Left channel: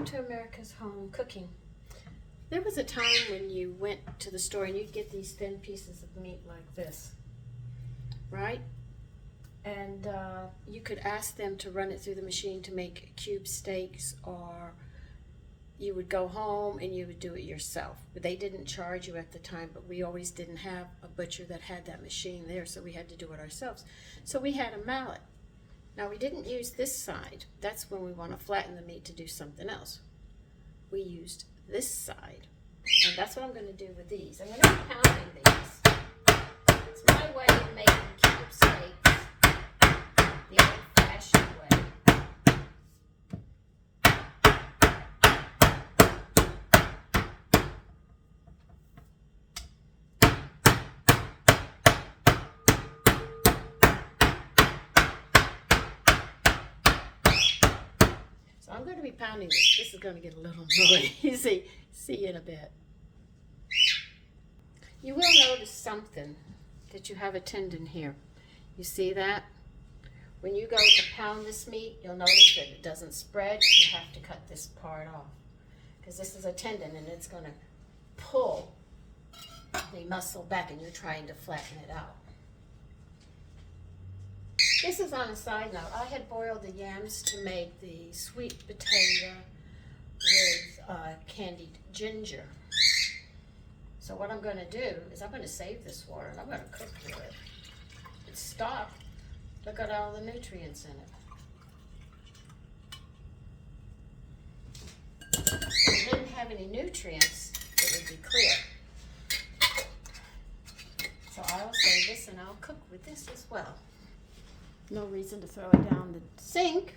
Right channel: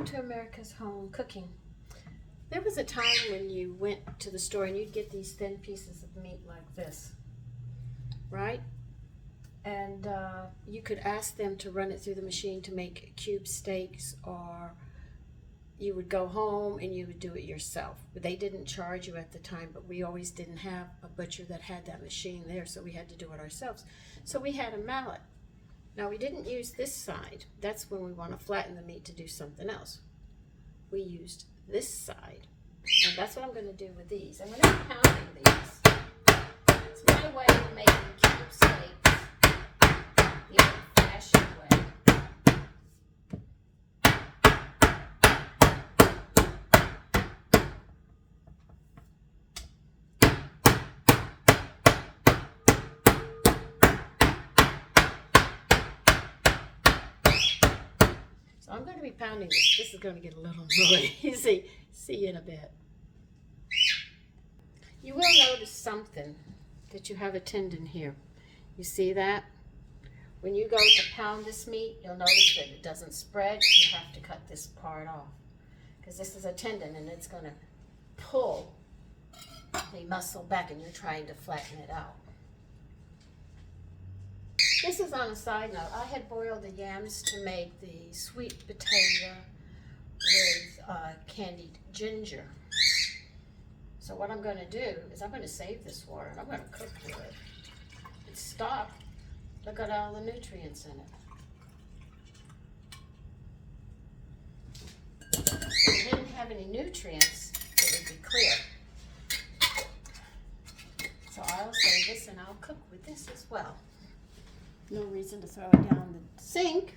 Welcome to America's Home Cooking. There was a time when you went to the store and you'd get these thin pieces of meat like this, right? And you could ask them to run it through the machine to make cube steaks, or you would go home and you would do it yourself. But they didn't charge you at the time, but we always didn't have a butcher that had that machine there, so we had to do it ourselves. So we had a mallet. Now we didn't use this side. That's when we want to flatten the meat to do something else. We used this side. And that's what I'm going to do with these. I'm going to be pounding these. It's my way of making cube steaks the old-fashioned way. So I'm going to be pounding this. This is going to get a little noisy. See you in a bit. You will notice something, that you have a tendon here. You see that? When you go to pound this meat, you'll notice that it doesn't spread. You have to cut this part off, because this is a tendon and it's going to pull the muscle back, and you're trying to flatten it out. This is on a side note. I had boiled the yams to make the sweet potato with candied ginger. So what I'm going to do is I'm going to save this water and I'm going to cook with it. It's stock. Look at all the nutrients in it. If it didn't have any nutrients, it would be clear. So I'll save this and I'll cook with this as well. No reason to throw it down the sink.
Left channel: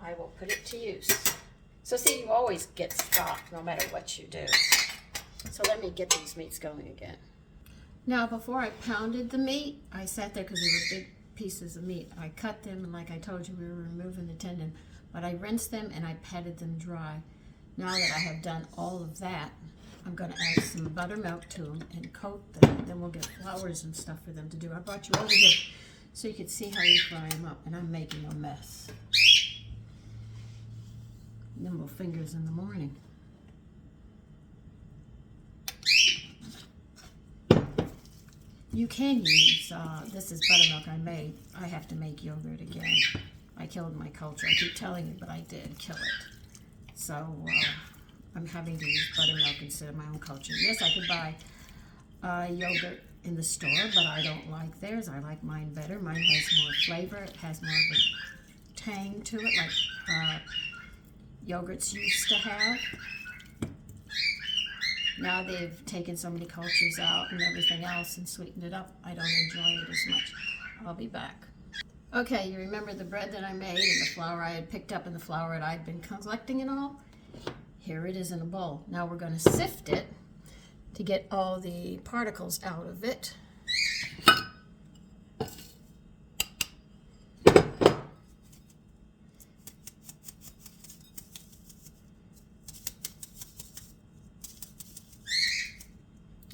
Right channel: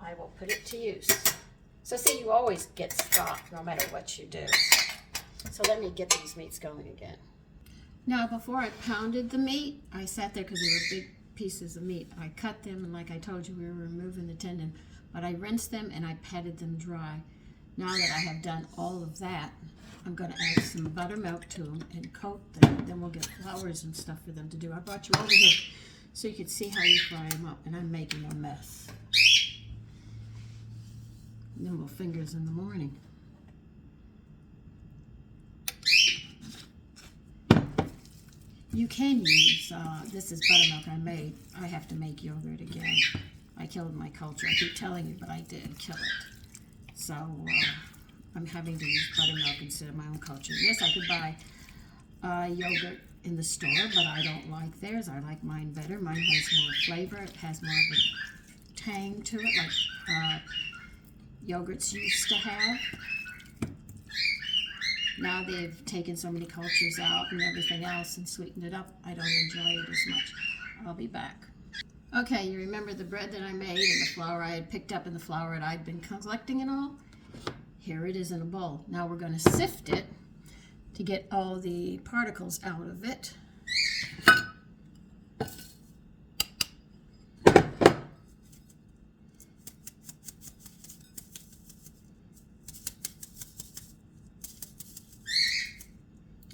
I will put it to use. So see, you always get stock no matter what you do. So let me get these meats going again. Now before I pounded the meat, I sat there because they were big pieces of meat. I cut them, and like I told you, we were removing the tendon, but I rinsed them and I patted them dry. Now that I have done all of that, I'm going to add some buttermilk to them and coat them, and then we'll get flowers and stuff for them to do. I brought you over here so you could see how you fry them up, and I'm making a mess. Nimble fingers in the morning. You can use, this is buttermilk I made. I have to make yogurt again. I killed my culture. I keep telling you, but I did kill it. So I'm having to use buttermilk instead of my own culture. Yes, I could buy yogurt in the store, but I don't like theirs. I like mine better. Mine has more flavor. It has more of a tang to it, like yogurts used to have. Now they've taken so many cultures out and everything else and sweetened it up, I don't enjoy it as much. I'll be back. Okay, you remember the bread that I made and the flour I had picked up and the flour that I'd been collecting and all? Here it is in a bowl. Now we're going to sift it to get all the particles out of it.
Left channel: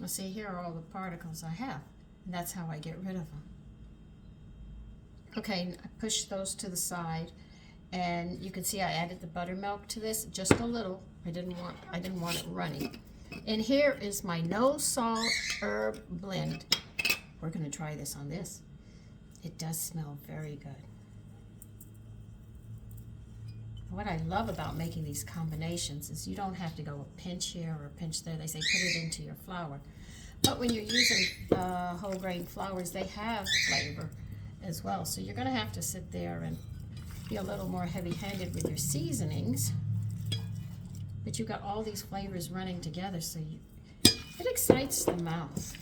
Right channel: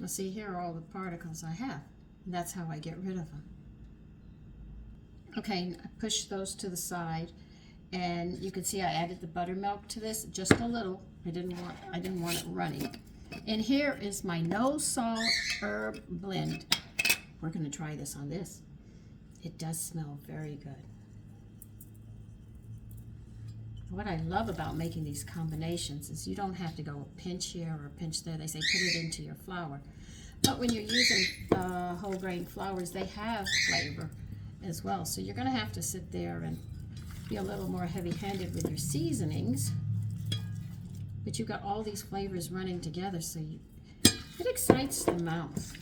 See, here are all the particles I have, and that's how I get rid of them. Okay, I pushed those to the side, and you can see I added the buttermilk to this, just a little. I didn't want it runny. And here is my no salt herb blend. We're going to try this on this. It does smell very good. What I love about making these combinations is you don't have to go a pinch here or a pinch there. They say put it into your flour. But when you're using whole grain flours, they have flavor as well. So you're going to have to sit there and be a little more heavy-handed with your seasonings. But you've got all these flavors running together, so it excites the mouth.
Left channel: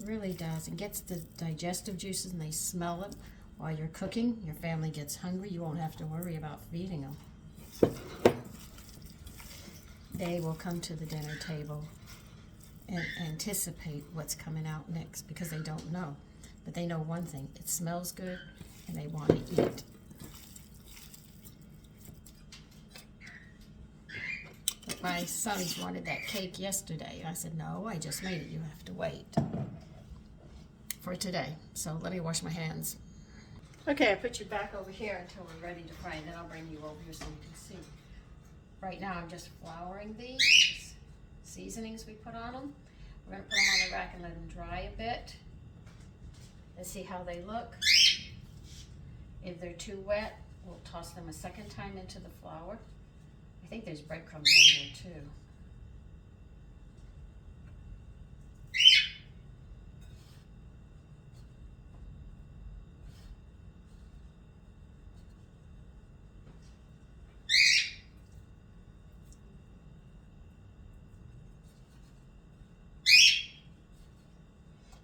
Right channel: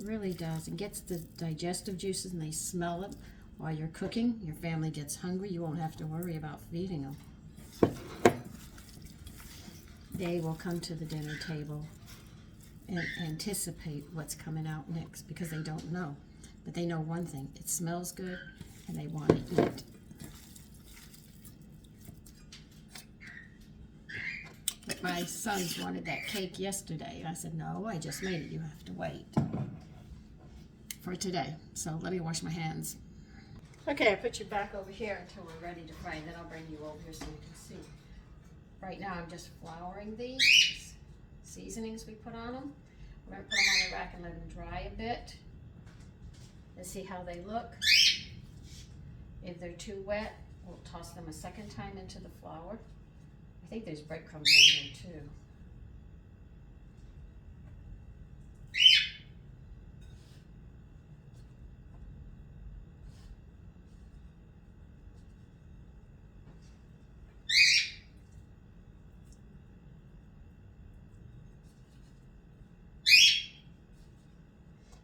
It really does. It gets the digestive juices, and they smell it. While you're cooking, your family gets hungry, you won't have to worry about feeding them. They will come to the dinner table and anticipate what's coming out next, because they don't know. But they know one thing, it smells good and they want to eat. But my sons wanted that cake yesterday. I said, no, I just made it. You have to wait for today. So let me wash my hands. Okay, I put you back over here until we're ready to fry, and then I'll bring you over here so you can see. Right now, I'm just flouring these seasonings we put on them. We're gonna put them on the rack and let them dry a bit. Let's see how they look. If they're too wet, we'll toss them a second time into the flour. I think there's breadcrumbs in here too.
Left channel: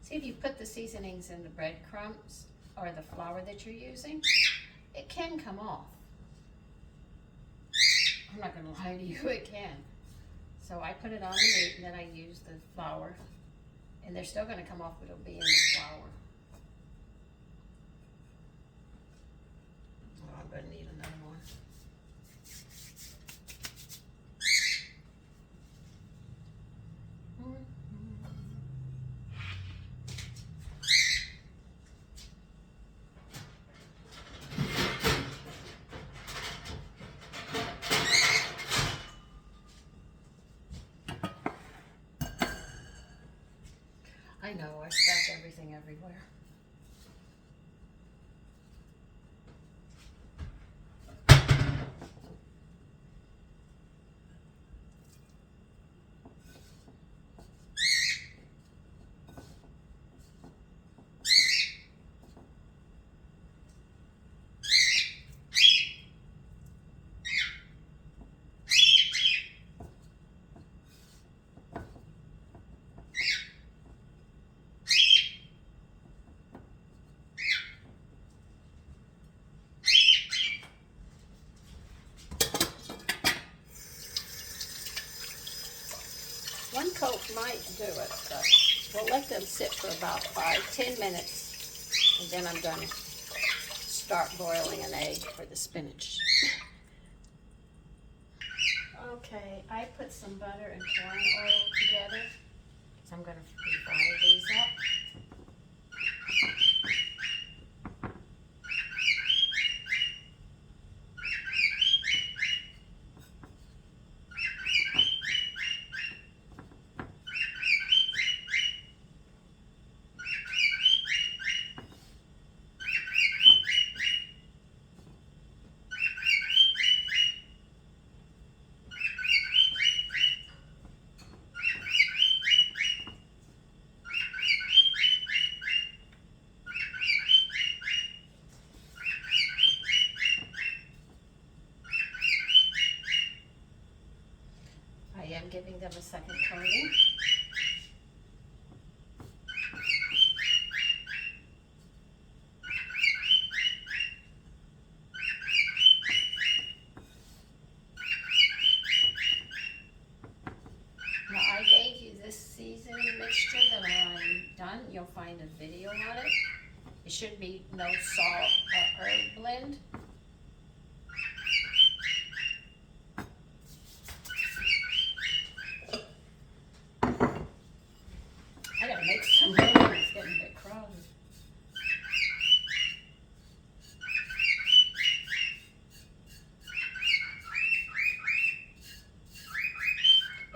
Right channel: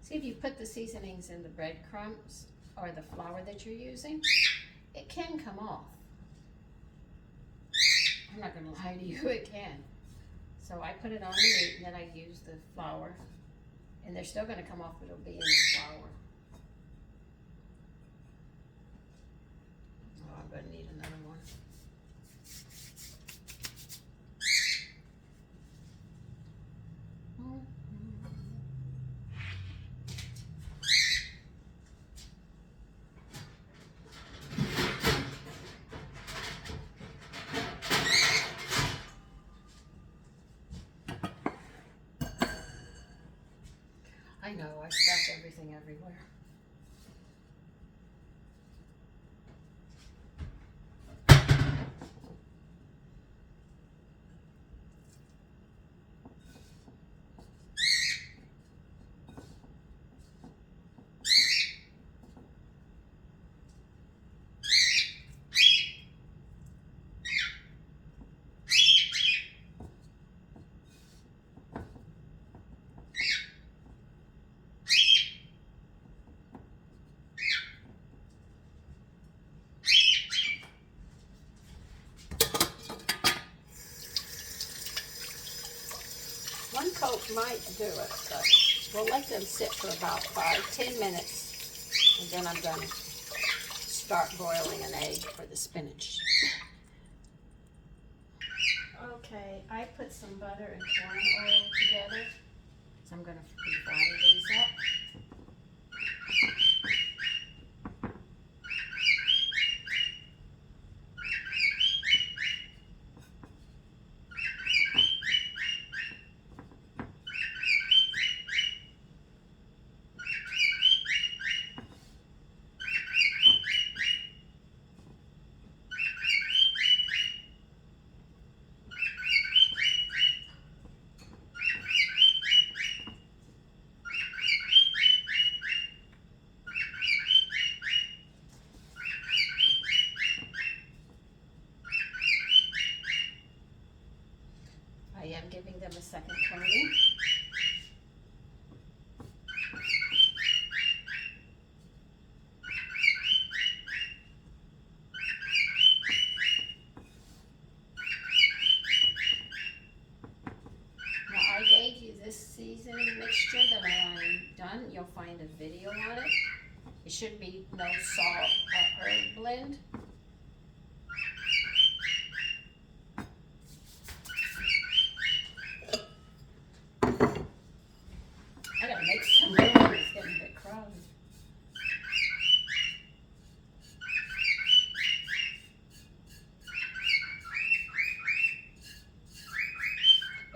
See, if you put the seasonings in the breadcrumbs or the flour that you're using, it can come off. I'm not gonna lie to you, it can. So I put it on the meat and then I use the flour, and they're still gonna come off, but it'll be in the flour. Oh, I'm gonna need another one. I know, I stack everything everywhere. One coat might do it, but we'll let them sit for about 5-10 minutes, and then I'm gonna start boiling an egg for the spinach. Okay, I put some butter and corn oil together, so I'm gonna fry these up. I am giving them a second coating. Now I gave you this seasoning mixture that I'm done. You'll find a video on it. It should be no salt or herb blend. I gotta make some more. It's getting a bit crowded.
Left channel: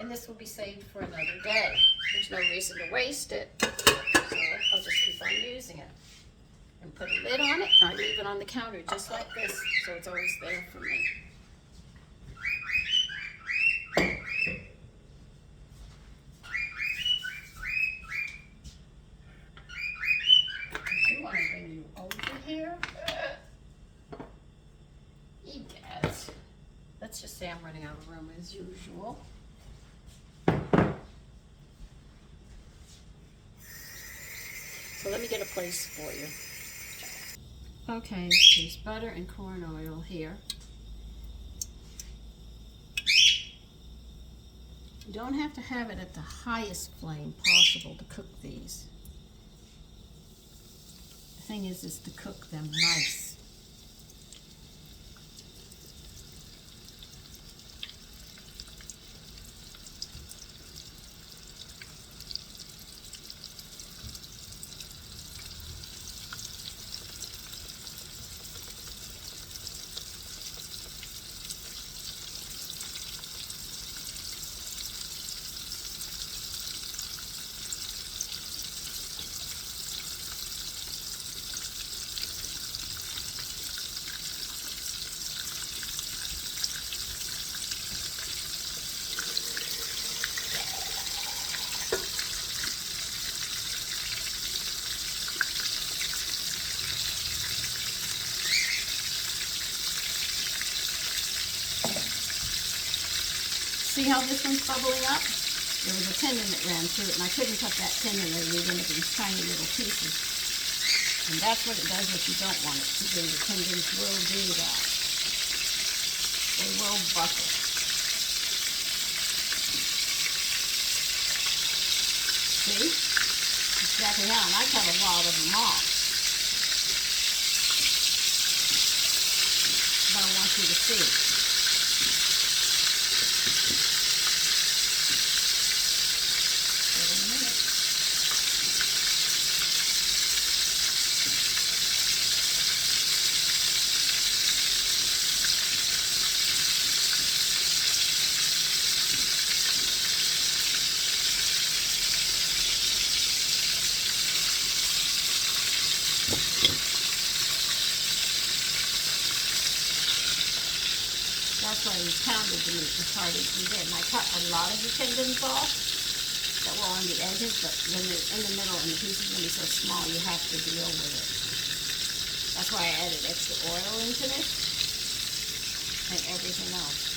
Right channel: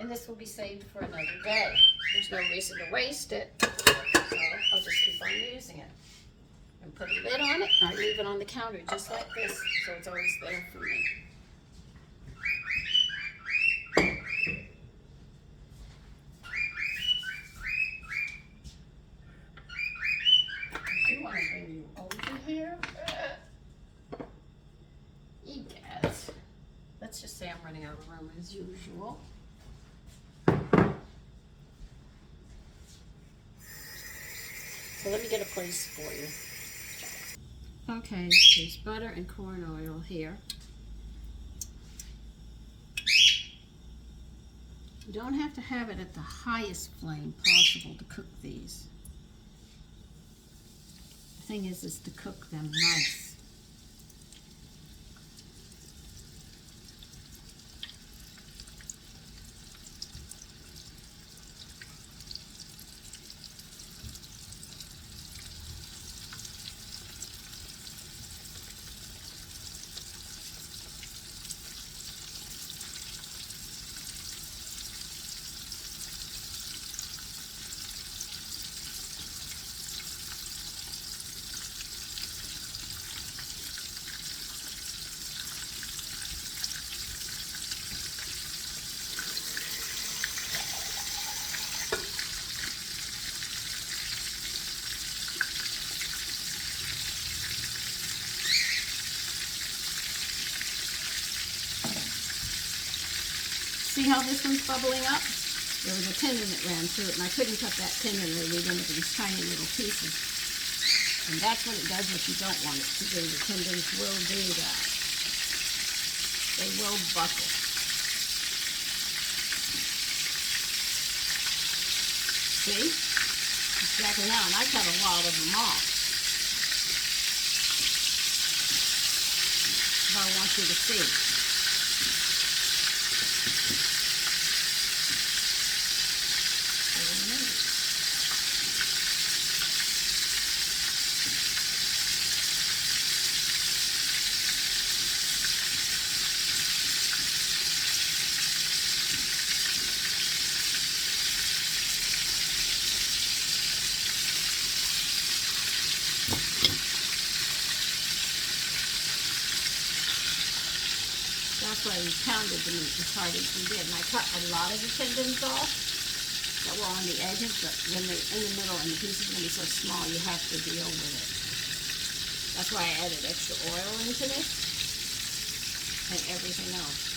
And this will be saved for another day. There's no reason to waste it, so I'll just keep on using it. And put a lid on it, and I leave it on the counter just like this, so it's always there for me. I do want to bring you over here. Egad. Let's just say I'm running out of room as usual. So let me get a place for you. Okay, there's butter and corn oil here. You don't have to have it at the highest flame possible to cook these. The thing is to cook them nice. See how this one's bubbling up? There was a tendon that ran through it, and I couldn't cut that tendon or leave into these tiny little pieces. And that's what it does if you don't want it to do. The tendons will do that. They will buckle. See? Exactly how, and I cut a lot of them off. But I want you to see. That's why we pounded the meat as hard as we did. And I cut a lot of the tendons off that were on the edges, but when they're in the middle and the piece is going to be so small, you have to deal with it. That's why I added extra oil into this and everything else.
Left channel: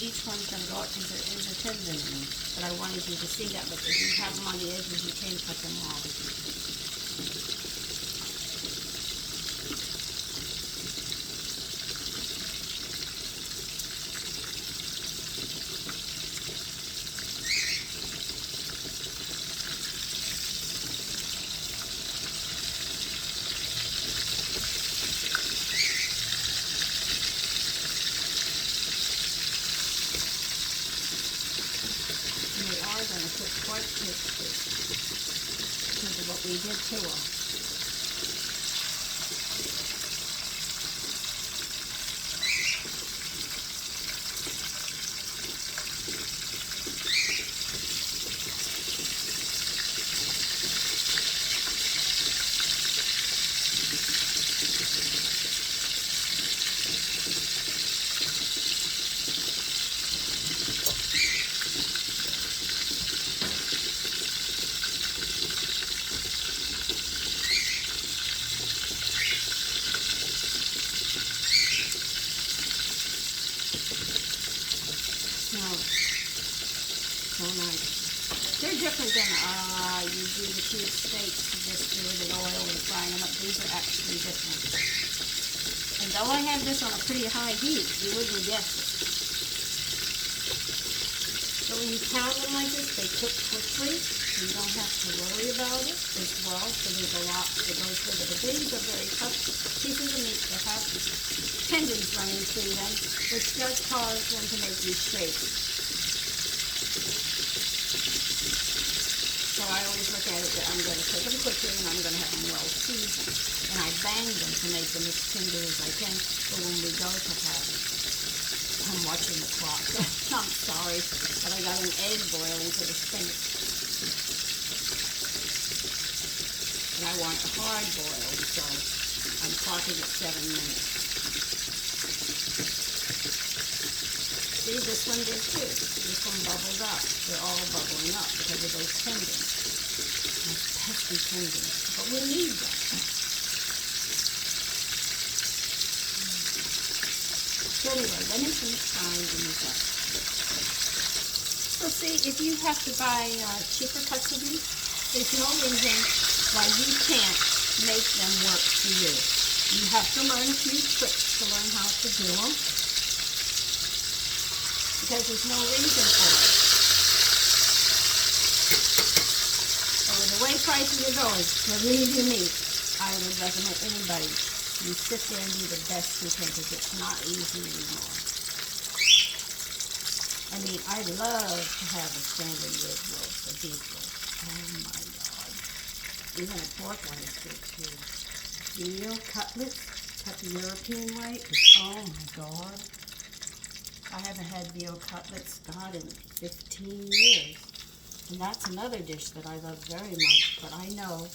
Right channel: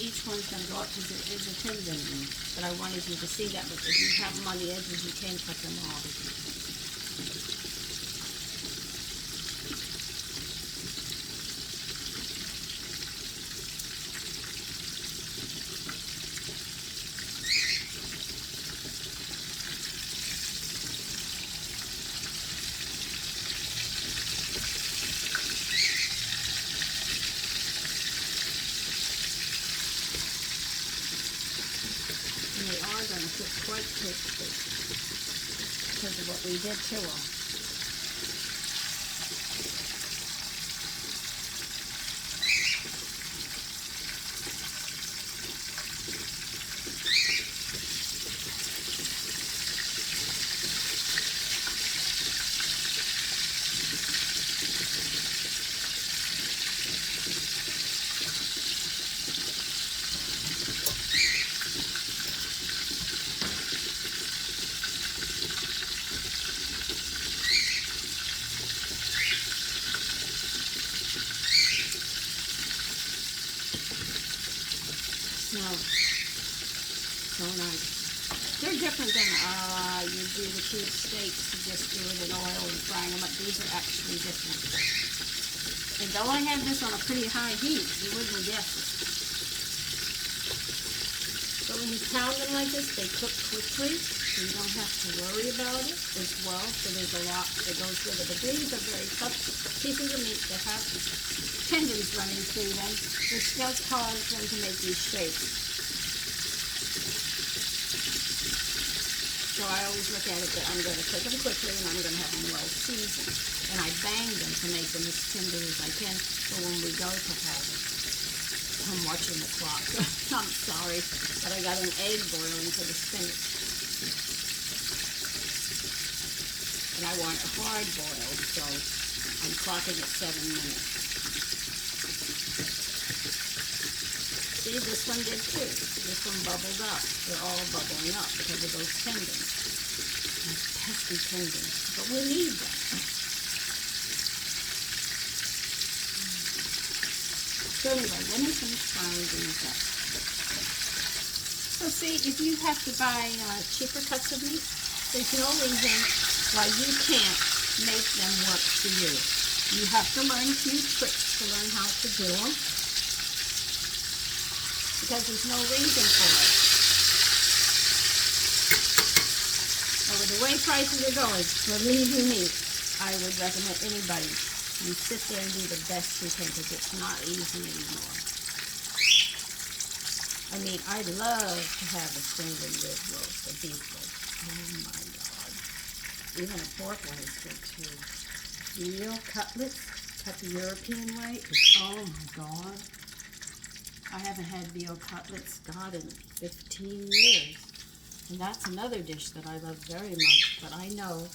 Each one's going to go up because there is a tendon in it. But I wanted you to see that, but if you have them on the edges, you can cut them off. Quite tasty because of what we did to them. So nice. They're different than you do the cube steaks to just do it in oil and fry them up. These are actually different. And though I have this on a pretty high heat, you wouldn't guess it. So when you pound them like this, they cook quickly. So you don't have to worry about it as well. So there's a lot that goes with it. But these are very tough pieces of meat that have tendons running through them, which does cause them to make these shapes. So I always look at it that I'm going to cook them quickly and I'm going to have them well seasoned. And I bang them to make them as tender as I can for when we go to have it. I'm watching the clock. I'm sorry, but I got an egg boiling for the spinach. And I want it hard boiled, so I'm clocking at 7 minutes. See, this one did too. This one bubbled up. They're all bubbling up because of those tendons. Those pesky tendons. But we need them. So anyway, let me finish frying these up. So see, if you have to buy cheaper cuts of meat, there's no reason why you can't make them work for you. You have to learn a few tricks to learn how to do them. Because there's no reason for it. So the way prices are going, for really meat, I would recommend anybody, you sit there and do the best you can because it's not easy anymore. I mean, I love to have a standard rib roast, a beef roast. Oh my God. Even a pork one is good too. Veal cutlets, cut the European way. Oh my God. I haven't had veal cutlets, God, in 15 years. And that's another dish that I love very much. But I know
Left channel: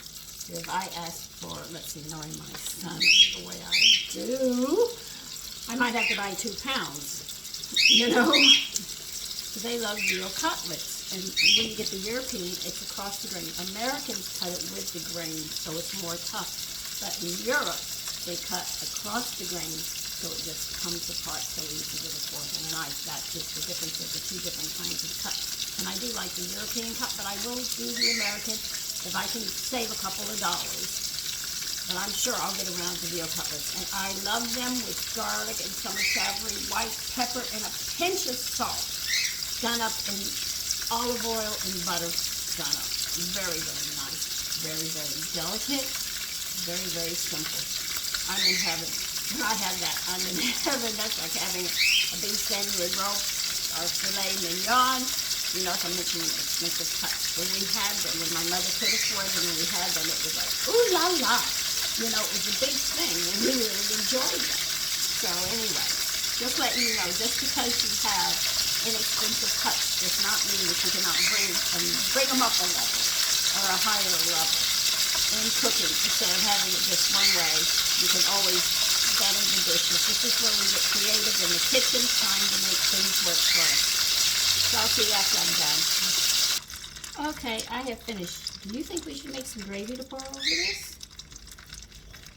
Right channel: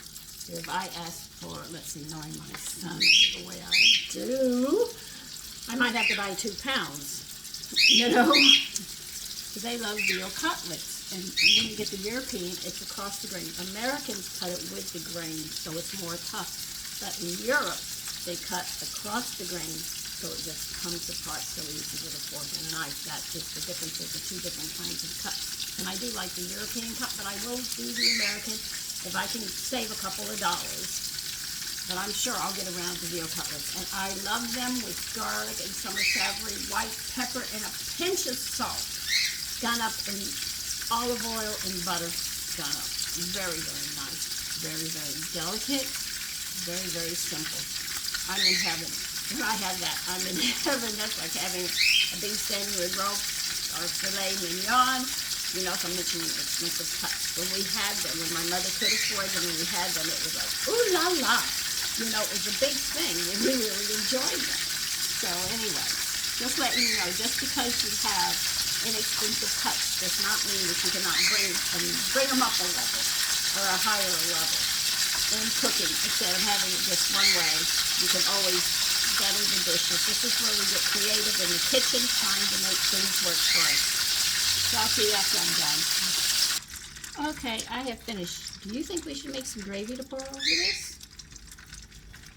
If I ask for, let's see, knowing my son the way I do, I might have to buy 2 pounds, you know, because they love veal cutlets. And when you get the European, it's across the grain. Americans cut it with the grain, so it's more tough. But in Europe, they cut across the grain, so it just comes apart so easy with a fork and a knife. That's just the difference of the 2 different kinds of cuts. And I do like the European cut, but I will do the American if I can save a couple of dollars. But I'm sure I'll get around to veal cutlets. And I love them with garlic and some savory white pepper and a pinch of salt, done up in olive oil and butter, done up. Very, very nice. Very, very delicate. Very, very simple. I'm in heaven. When I have that, I'm in heaven. That's like having a beef sandwich rope or filet mignon. You know, if I'm mentioning expensive cuts. When we had them, when my mother could afford them, when we had them, it was like, ooh la la. You know, it was a big thing, and we really enjoyed them. So anyway, just letting you know, just because you have inexpensive cuts does not mean that you cannot bring them up a level or a higher level in cooking. Instead of having it just one way, you can always better the dishes. This is where we get creative in the kitchen, trying to make things work for us. So I'll see you after I'm done. Okay, I have finished. Do you think we should make some gravy to pour over this?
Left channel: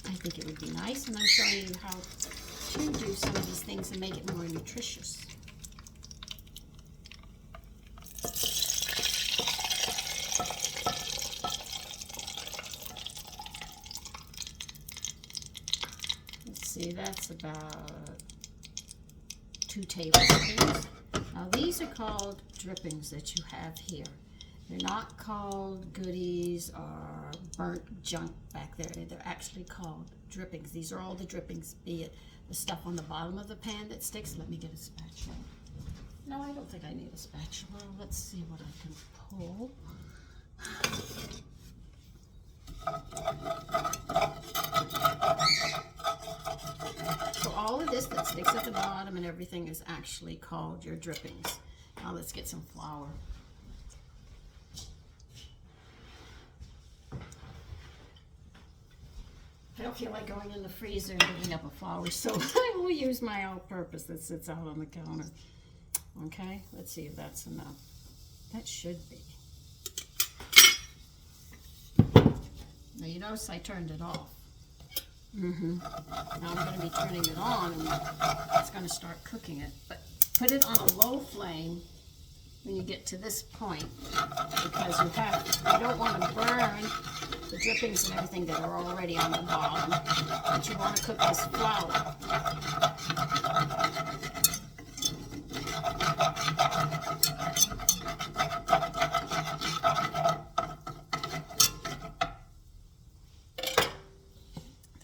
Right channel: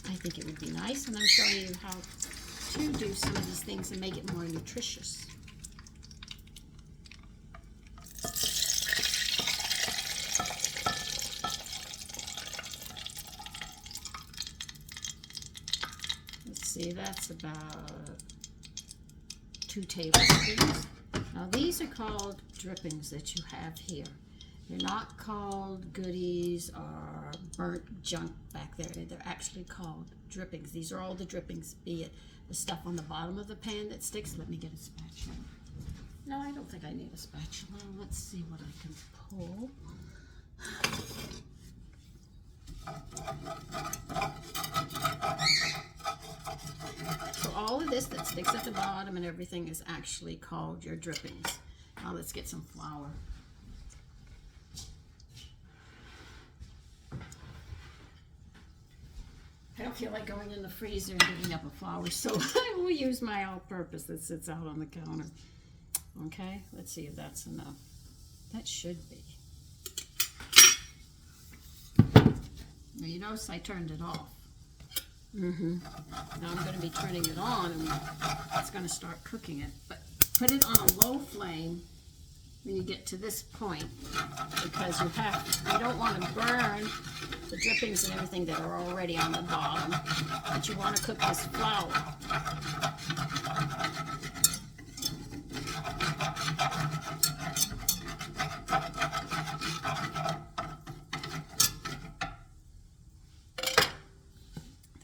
I think it would be nice, and I'm showing you how to do some of these things and make it more nutritious. Let's see, that's about 2 tablespoons. Now these are called drippings that you have here. They're not called goodies or burnt junk back there. They're actually called drippings. These are all the drippings, be it the stuff on the bottom of the pan that sticks. Let me get a spatula. No, I don't think I need a spatula. Let's see what I can pull. So all of this that sticks at the bottom and everything is actually called your drippings. Now let's get some flour. I don't feel like going in the freezer and digging up a flour, so I will use my all-purpose that sits out on the counter. Okay, let's see if that's enough. That should be. Now you notice I turned it off. Now I'm going to be turning it on, and it's going to start cooking it. But put it on a low flame when you get to this point, because you don't want to burn the drippings and everything that are already on the bottom, but you want to cook this flour.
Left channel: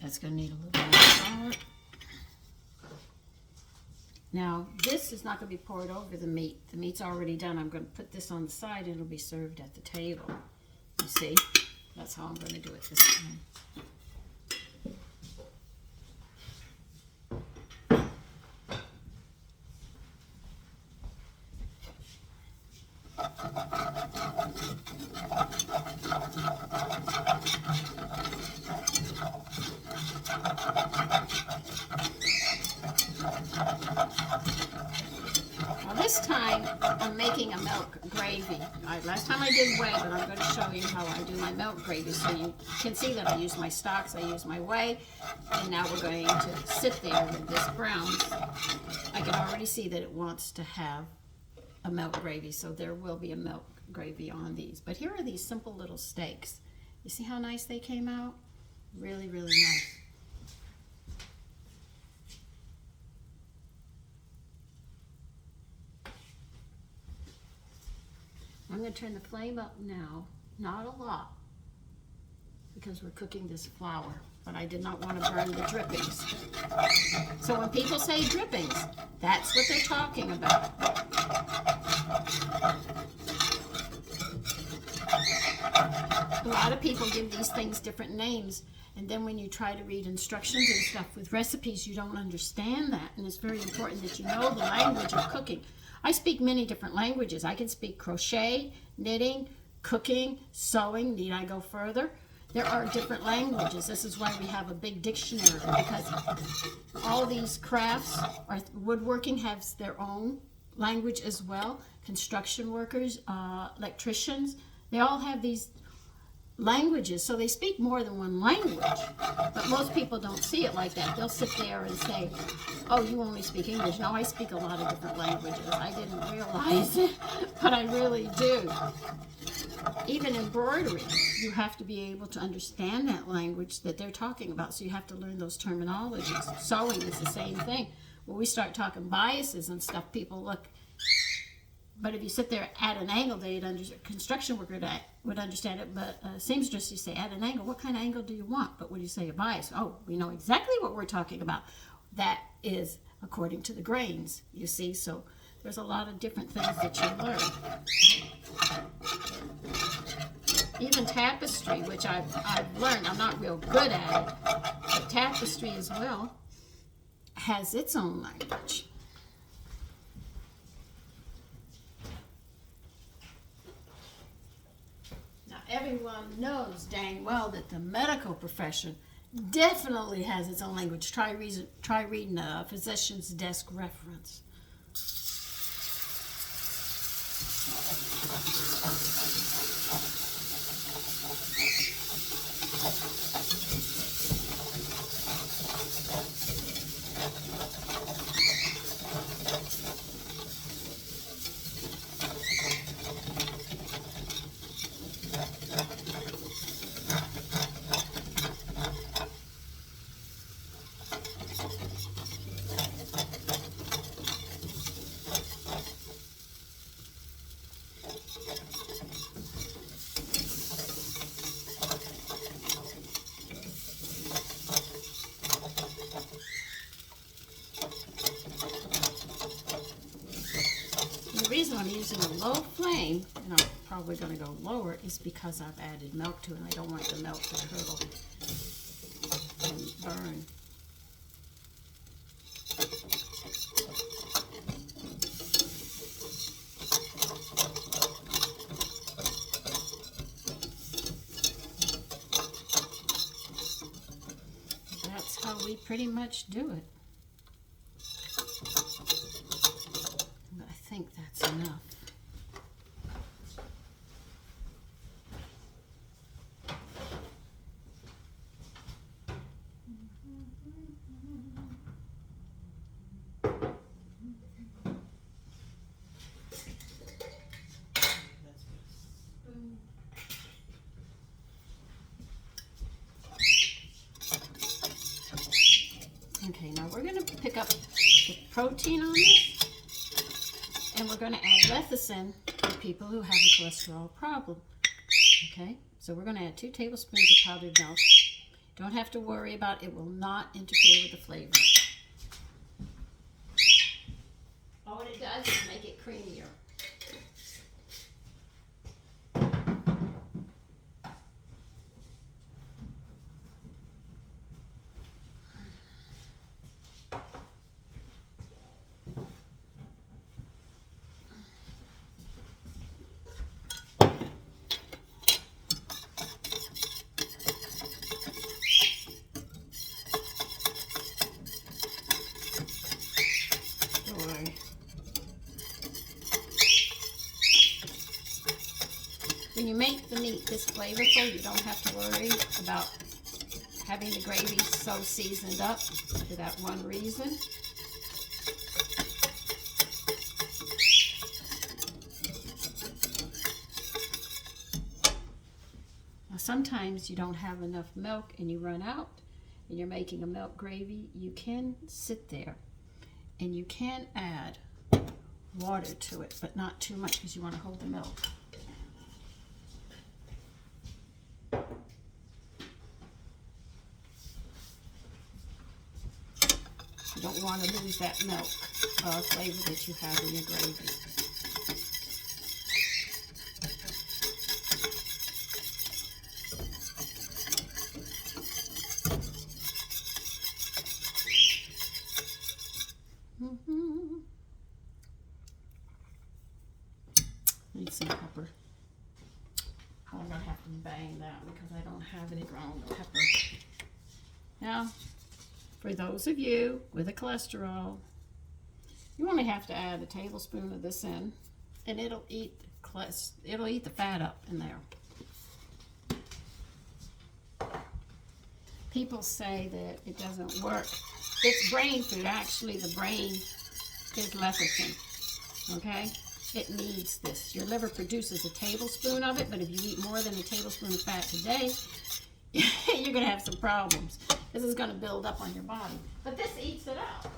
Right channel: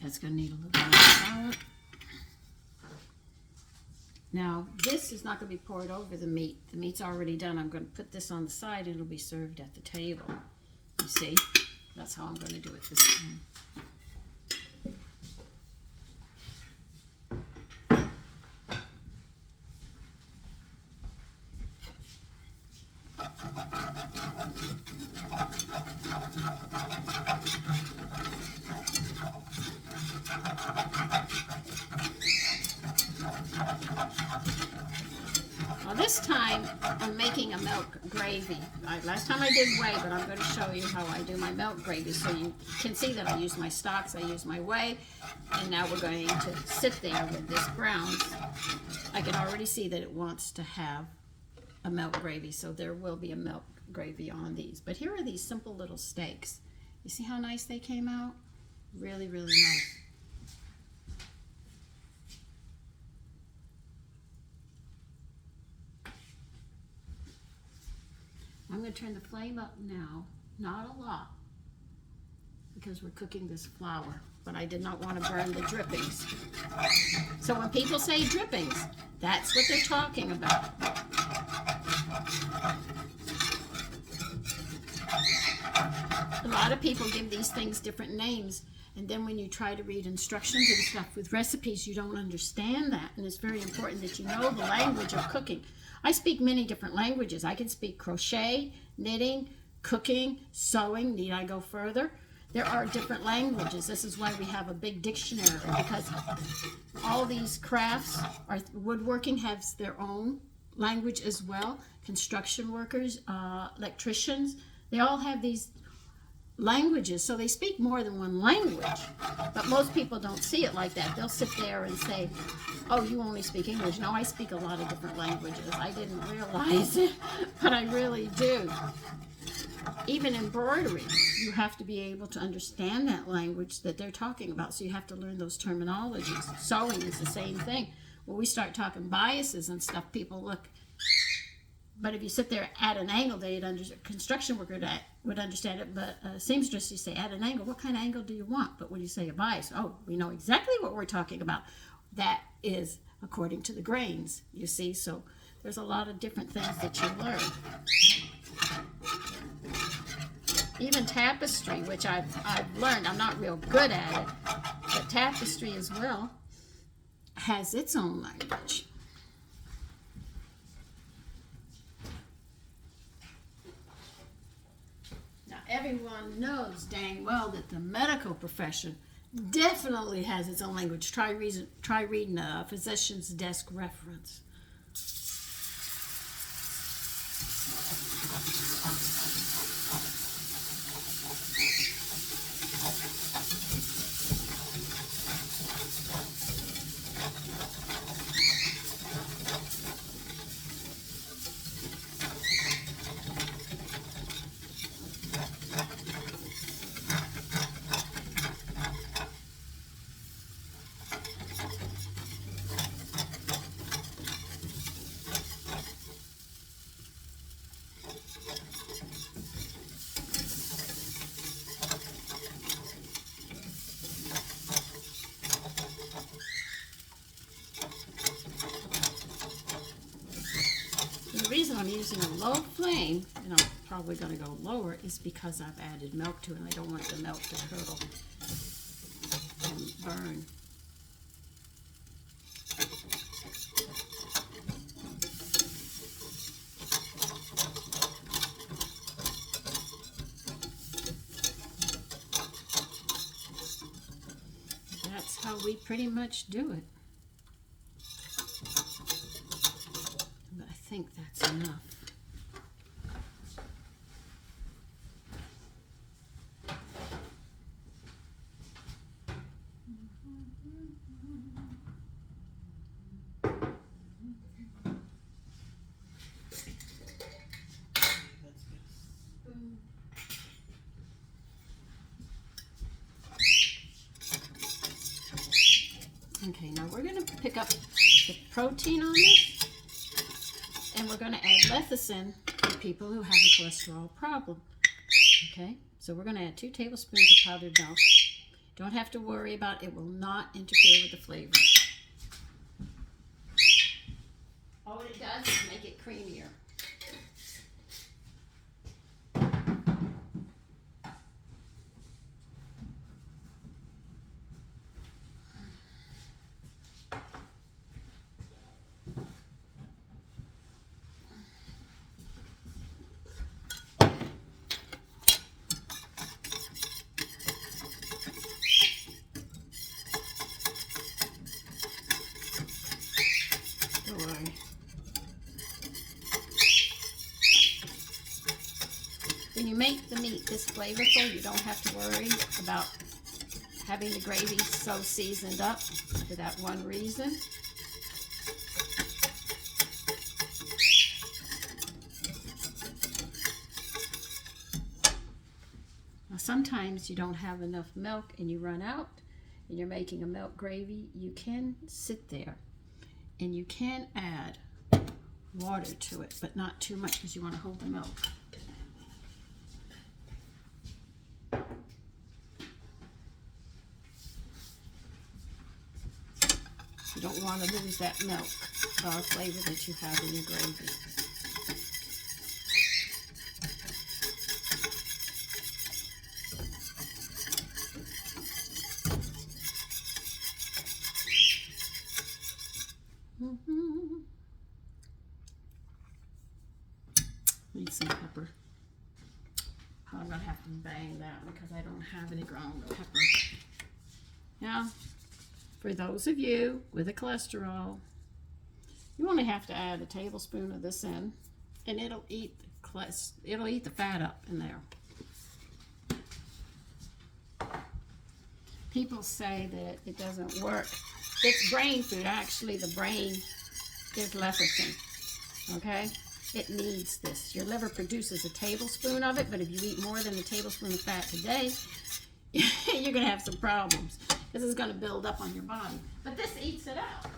That's going to need a little more flour. Now, this is not going to be poured over the meat. The meat's already done. I'm going to put this on the side and it'll be served at the table. You see? That's how I'm going to do it this time. Now this time I'm making a milk gravy. Last time I did whey, but I'm going to show you how I do my milk gravy so you can see that I use my stocks, I use my whey, and now we're going to sit there with this brown. I can already see that it wants to have a milk gravy, so there will be a milk gravy on these. But here are these simple little steaks. You see how nice they came out? Really, really nice. I'm going to turn the flame up now, not a lot, because we're cooking this flour, but I did not want to burn the drippings. So when people say drippings, that's what they're talking about. A lot of people give these things different names, and then when you try to read instructions and stuff with recipes, you don't understand that, and it's very important that you know the language of cooking. I speak many different languages. I can speak crochet, knitting, cooking, sewing. Need I go further? there are different languages. This is why we have a big dictionary, because all these crafts, woodworking has their own language as well. Construction workers, electricians, they all have these languages, so they speak more than one language. But most people don't see it like that. They'll sit there and say, oh, you only speak English. No, I speak a lot of different languages. I didn't realize it, but I really do. Even embroidery, you have to be able to understand that language that they're talking about, so you have to learn those terminologies. Sewing is the same thing. When we start talking biases and stuff, people look. But if you sit there at an angle, construction worker would understand it, but seamstress, you say at an angle, what kind of angle do you want? But when you say a bias, oh, we know exactly what we're talking about. That is according to the grains, you see. So there's a lot of different things that you learn. Even tapestry, which I've learned, I'm not real good at it, but tapestry as well has its own language. Everyone knows dang well that the medical profession definitely has its own language. Try reading a physician's desk reference. The reason I'm using a low flame, and I'm probably going to go lower, is because I've added milk to it, and I don't want the milk to curdle and burn. That's how we pretty much do it. I think that's enough. Okay, now we're going to pick up the protein on this, and we're going to add lecithin for people who have a cholesterol problem. Okay, so we're going to add 2 tablespoons of powdered milk. Don't have to worry about it. It will not interfere with the flavor. All it does is make it creamier. When you make the meat this flavorful, you don't have to worry about having the gravy so seasoned up for that one reason. Now, sometimes you don't have enough milk and you run out and you're making a milk gravy. You can sit there and you can add water to it, but not too much because you want to hold the milk. You don't want to lose that milk flavor that you have in your gravy. Need some pepper. I'm going to have to bang that because I don't have any ground pepper. Now, for those of you with a cholesterol, you only have to add a tablespoon of this in, and it'll eat the fat up in there. People say that it doesn't work. It's brain food. Actually, the brain is lecithin. Okay? It needs this. Your liver produces a tablespoon of it, but if you eat more than a tablespoon of fat today, you're going to have some problems. This is going to build up on your body. But this eats it out.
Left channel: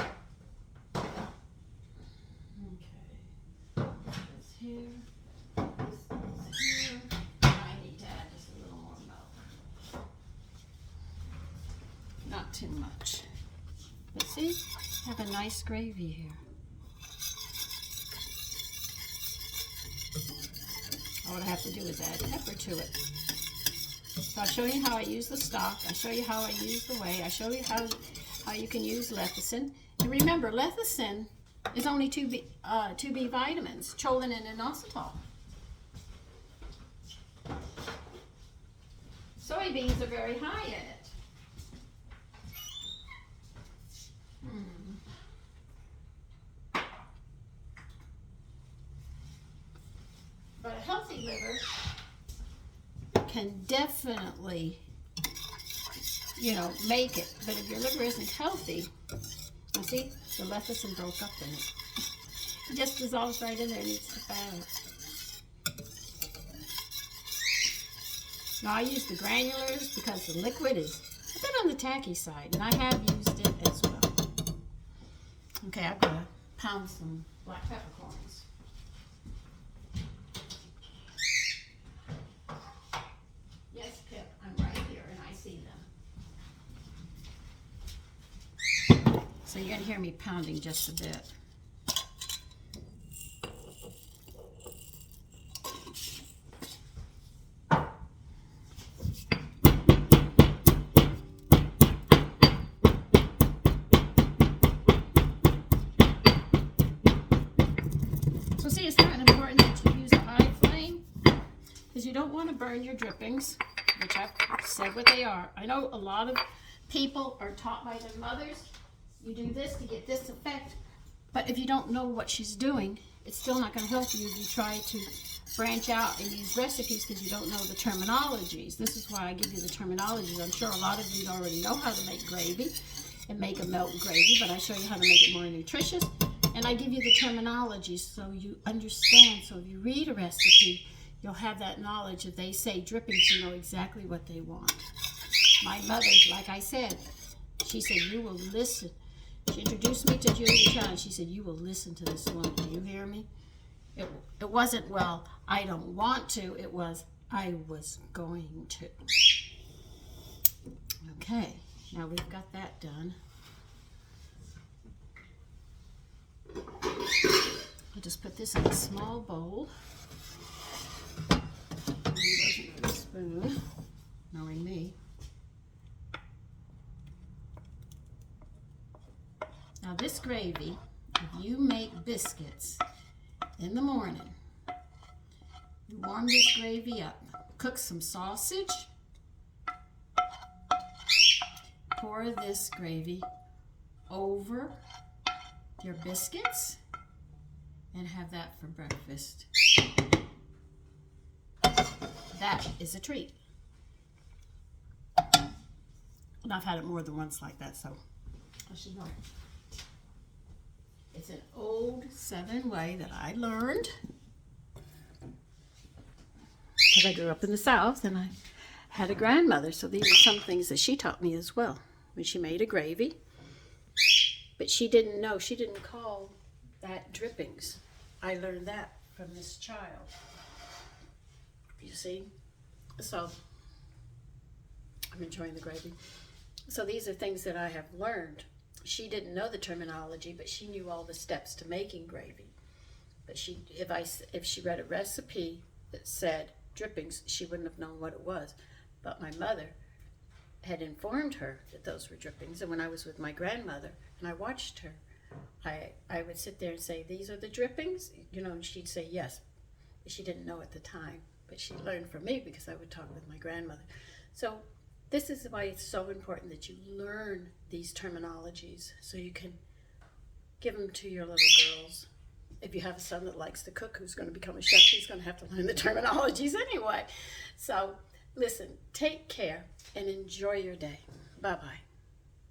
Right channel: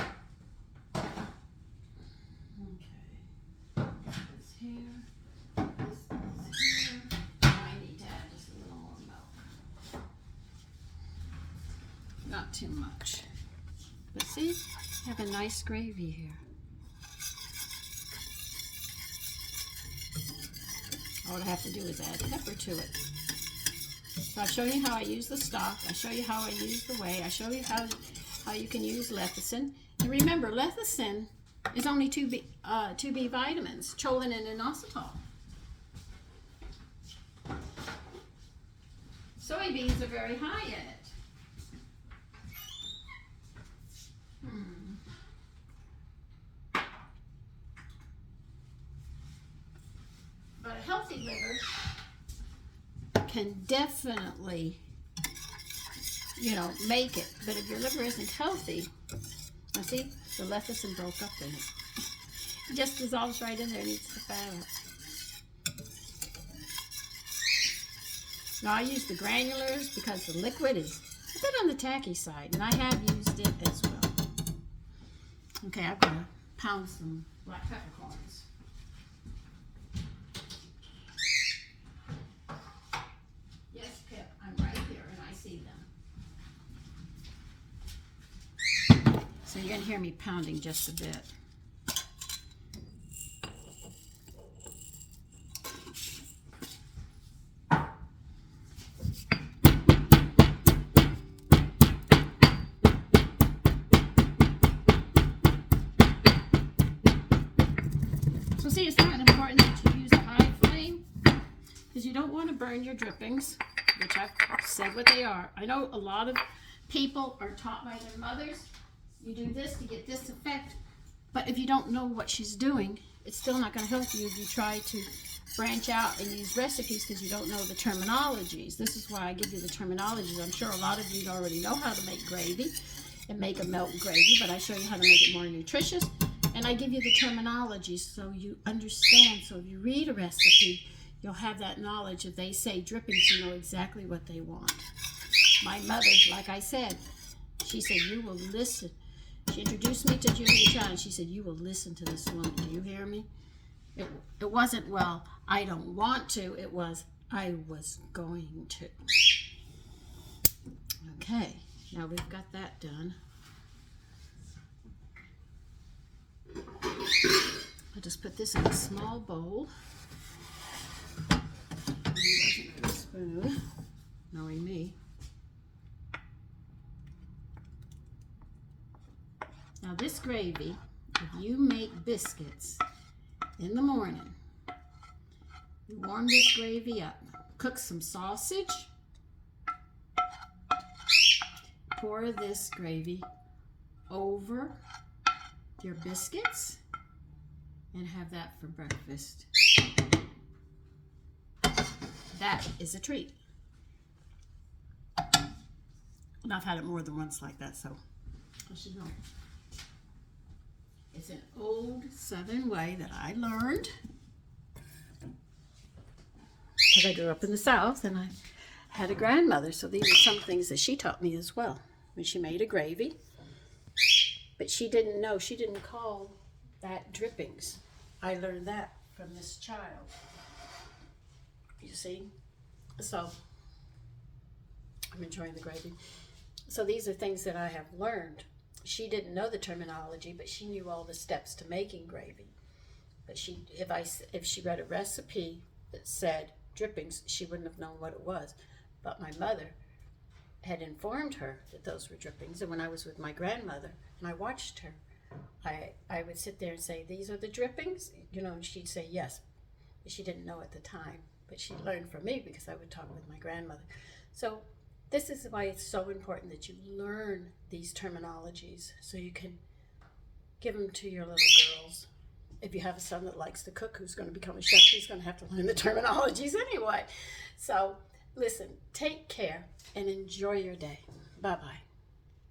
Okay. This here. This is here. I need to add just a little more milk. Not too much. But see, have a nice gravy here. All I have to do is add pepper to it. So I'll show you how I use the stock. I show you how I use the whey. I show you how you can use lecithin. And remember, lecithin is only 2B vitamins, choline and inositol. Soybeans are very high in it. But a healthy liver can definitely, make it. But if your liver isn't healthy, now see, the lecithin broke up in it. It just dissolves right in there and eats the fat. Now I use the granulars because the liquid is a bit on the tacky side, and I have used it as well. Okay, I'm gonna pound some black peppercorns. So you're going to hear me pounding just a bit. So see, it's not important to use a high flame because you don't want to burn your drippings, which I've said what they are. I know a lot of people are taught by their mothers, you do this to get this effect, but if you don't know what she's doing, it's still not going to help you if you try to branch out and use recipes because you don't know the terminologies. This is why I give you the terminologies. I'm sure a lot of you already know how to make gravy and make a milk gravy, but I show you how to make it more nutritious, and I give you the terminologies so you understand. So if you read a recipe, you'll have that knowledge. If they say drippings, you know exactly what they want. My mother, like I said, she said, you will listen. She introduced me to Julia Child, and she said, you will listen to this woman. Do you hear me? It wasn't, well, I don't want to. It was, I was going to. Okay, now we've got that done. I'll just put this in a small bowl. Spoon, knowing me. Now this gravy, if you make biscuits in the morning, you warm this gravy up, cook some sausage, pour this gravy over your biscuits, and have that for breakfast. That is a treat. And I've had it more than once like that, so I should know. It's an old Southern way that I learned because I grew up in the South and I had a grandmother, so these are some things that she taught me as well. When she made a gravy, but she didn't know, she didn't call that drippings. I learned that from this child. You see? So I'm enjoying the gravy. So these are things that I have learned. She didn't know the terminology, but she knew all the steps to making gravy. But if she read a recipe that said drippings, she wouldn't have known what it was. But my mother had informed her that those were drippings. And when I was with my grandmother and I watched her, I would sit there and say, these are the drippings? And she'd say yes. But she didn't know at the time. but she learned from me because I would talk with my grandmother. So this is why it's so important that you learn these terminologies so you can give them to your little girls. If you have a son that likes to cook, who's going to become a chef, he's going to have to learn the terminologies anyway. So listen, take care and enjoy your day. Bye-bye.